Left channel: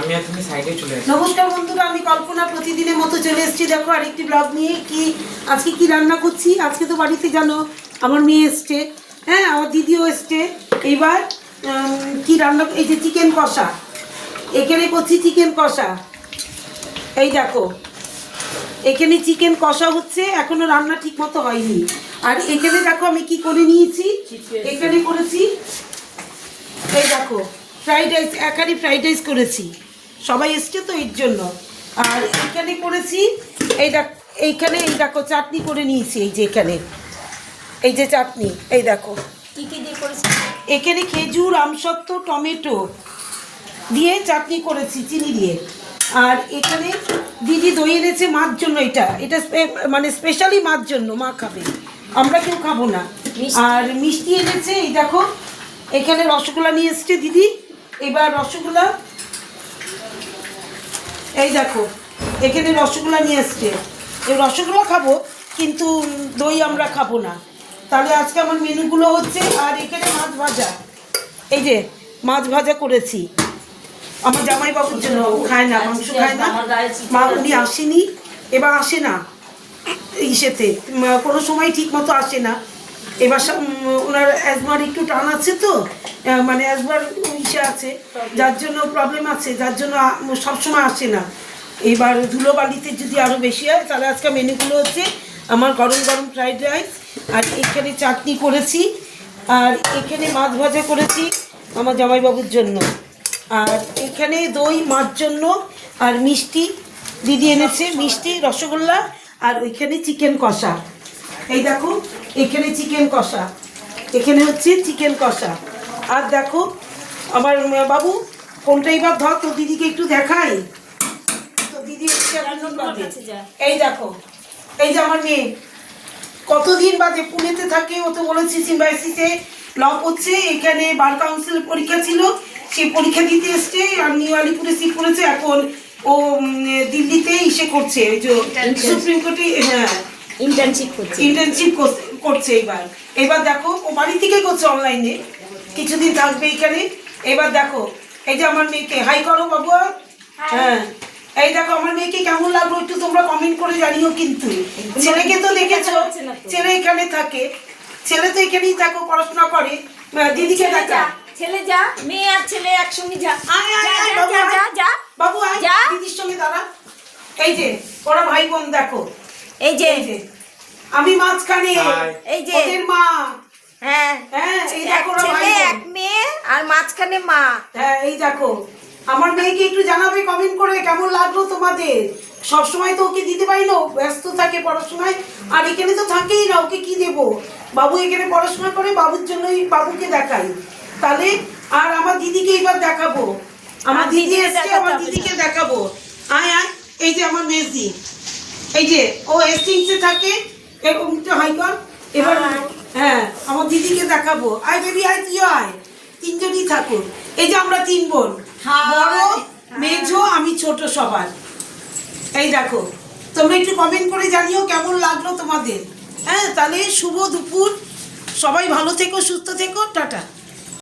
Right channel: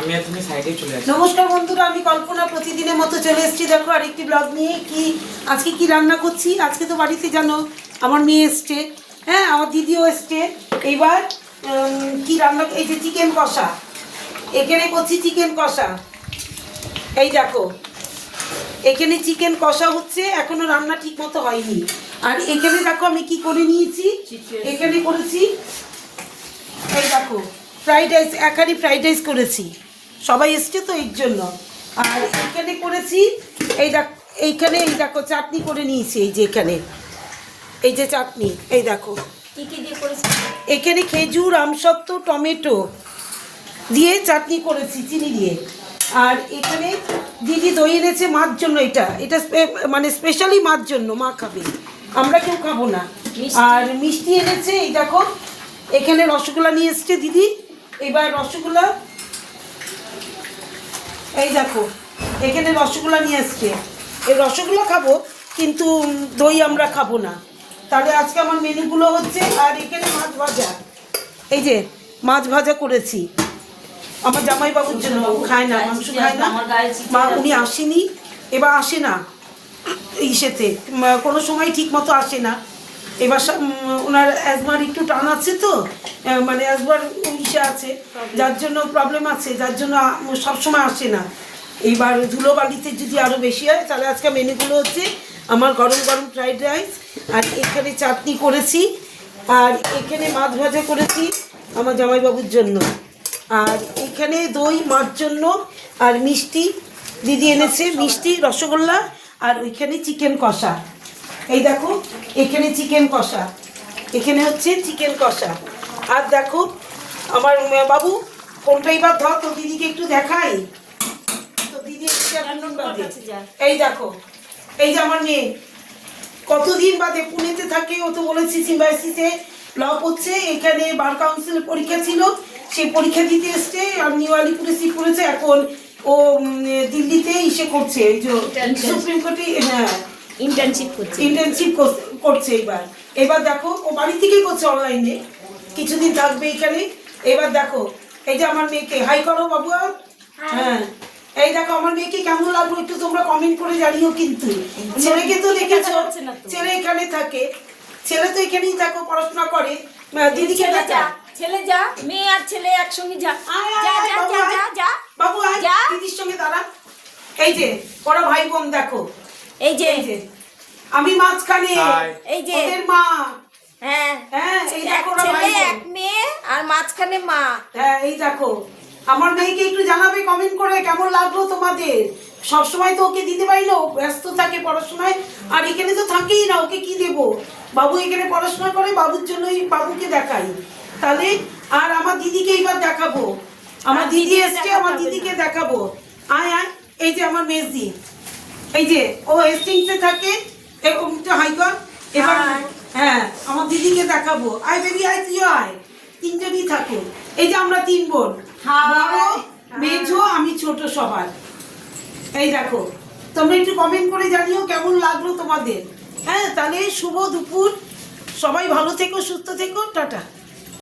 আমি আর তুমি সাইডে চলে আসি। নমস্কার বন্ধুরা, আমি কল্পনা প্রতিদিনের মতো চলে এসেছি। দেখো আরেকটি ব্লগ নিয়ে। আজকে কি রান্না করছি। আজকে তো বাড়িতে জানো আমার মেয়ে এসছে, হ্যাঁ আমার দিদিও এসছে। এইবার কি রান্না, এই যে চিকেন কষা, এখানে করছি চিকেন কষা। এই দেখো এখানে চিকেন কষা হচ্ছে, এখনো রান্না ঠিক মতো হয়নি। আর এখানে দেখো আমি কি করে নিয়েছি, এখানে করেছি এই দেখো ফ্রাইড রাইস, একারি ফ্রাইড রাইস করেছি, সবাই এসছে তো এর জন্য। আর এখানে করেছি এই দেখো, এইখানে এই দেখো চাটনি করে নিয়েছি, এই যে এখানে এই যে চাটনি, এই দেখো কি কি দিয়ে করেছি। এখানে খেজুর, আমসত্ত্ব, টমেটো দিয়ে চাটনি করেছি চিনি দিয়ে। আর এখানে দিদি দই এনেছে মার জন্য, এটা এটা মানে স্পেশালি মার জন্য, মা খাবে, আমরা কেউ খাবো না। আর মিষ্টি এনেছে, এই দেখো এখানে রসগোল্লা নিয়ে এসছে দিদি। এবার রসগোল্লা, এই দেখো এখানে রসগোল্লা নিয়ে এসছে, এই রসগোল্লা খাবো কিন্তু দই আমরা খাবো না। তাহলে আজকে আমার মেনুগুলো হচ্ছে। আর এখানে মাছ ভাজা, এই যে মাছ ভাজা করেছি আমার জামাইবাবুর জন্য, বাবু খায় না, মাংস খায় না, মা উনি আসেনি, এবার আসে না ইসেতে, কোনো সময় ঠিক মতো আসে না। এবার ওনার অ্যাজমার একটু টান আছে তো, মানে অ্যাজমার ইসে আছে, যার জন্য প্রবলেম আছে, যার জন্য সবসময় আসে না। এবার ধুলোবালিতে যদি আরও বেশি হয়, তাহলে আজকে মেনুগুলো হচ্ছে আমার গরম গরম ফ্রাইড রাইস, আর এখানে চাটনি করেছি, আর এখানে মাছ ভাজা করেছি আমার জামাইবাবুর জন্য, আর এখানে দই মার জন্য, আর মিষ্টি দিদি এনেছে, মিষ্টি রসগোল্লা, আর ওইখানে চিকেন কষা। এই দেখো এখানে চিকেন কষা, এখানে হচ্ছে চিকেন কষা। আর দেখো আমার বাবু কোনটা এবার ধর, তো দিদিকে একটু দেখাই, তো দিদি এই দেখো, এই যে আমার মেয়ে কতদিন বাদে পুনেতে থাকে, ও তো বলেছি সিম্বাইসিসে ল করছে, এখানে বার কাউন্সিলের পরীক্ষা ছিল, সে পরীক্ষা দিতে এসছে, আর নিউ আলিপুরে সিট করেছে, এখন ও দিল্লিতে ইসে করছে, ওই যে সুপ্রিম কোর্টে, হ্যাঁ ইন্টার্নশিপ করছে। এবার দেখো ও বাড়ি থেকেই করছে অনলাইনে, কিছুদিন থাকবে এখানে। এবার দেখো এই যে আমার মেয়েকে হাই করো বাবু, হ্যাঁ এই দেখো আমার মেয়েকে কেমন লাগলো একটু তোমরা কমেন্ট করে জানিও। কিন্তু ছেলেকে তো দেখেছো, ছেলে এখানে থাকে, ছেলে তো এখানেই থাকো, পড়াশোনা করে, দিদিকে দেখা। ছেলে যা, মেয়ে আর ছেলে একসঙ্গে যা, বাবু আয় দিদির সঙ্গে দাঁড়া। এই যে ওরা ভাই বোন, দেখো এই যে আমি মাঝখানে, এই যে ওদের মা, হ্যাঁ হ্যাঁ এই দেখো ওরা ভাই বোন, এক মেয়ে আর মাঝখানে মা। হ্যাঁ এই দেখো আমার মেয়েকে একটু জানাবে কমেন্ট করে কেমন লাগলো তোমাদের। সবসময় তো ওকে দিতে পারি না, ব্যস্ত থাকে পড়াশোনায়, আর এখানে তো থাকেই না, ওকে কি দেবো। বাবু এখানে পড়াশোনা করে, বাবুর জন্যই বাবুকে দেখাই তাহলে। আর আমার দিদিকে এবার দেখাবো, আমার দিদি এসছে, আমার দিদিকে দেখাবো। আয় আয়, এই যে আমার মেজদি, এই যে ও হেস্টিংসে থাকে, এরকম হাইকর। এবার হ্যাঁ আমার দিদিকে দেখাবো। আয় বেবি আয়, তুই আয়, তিনজনই থাকো। এই যে আমরা তিন বোন, বড় মেজো আমি ছোট সবার। এই দেখো তোমরা একটু কমেন্ট করে জানিও কেমন লাগলো তোমাদের। হ্যাঁ তাহলে শুভ দুপুর, সবাই ভালো থেকো, সুস্থ থেকো, টাটা।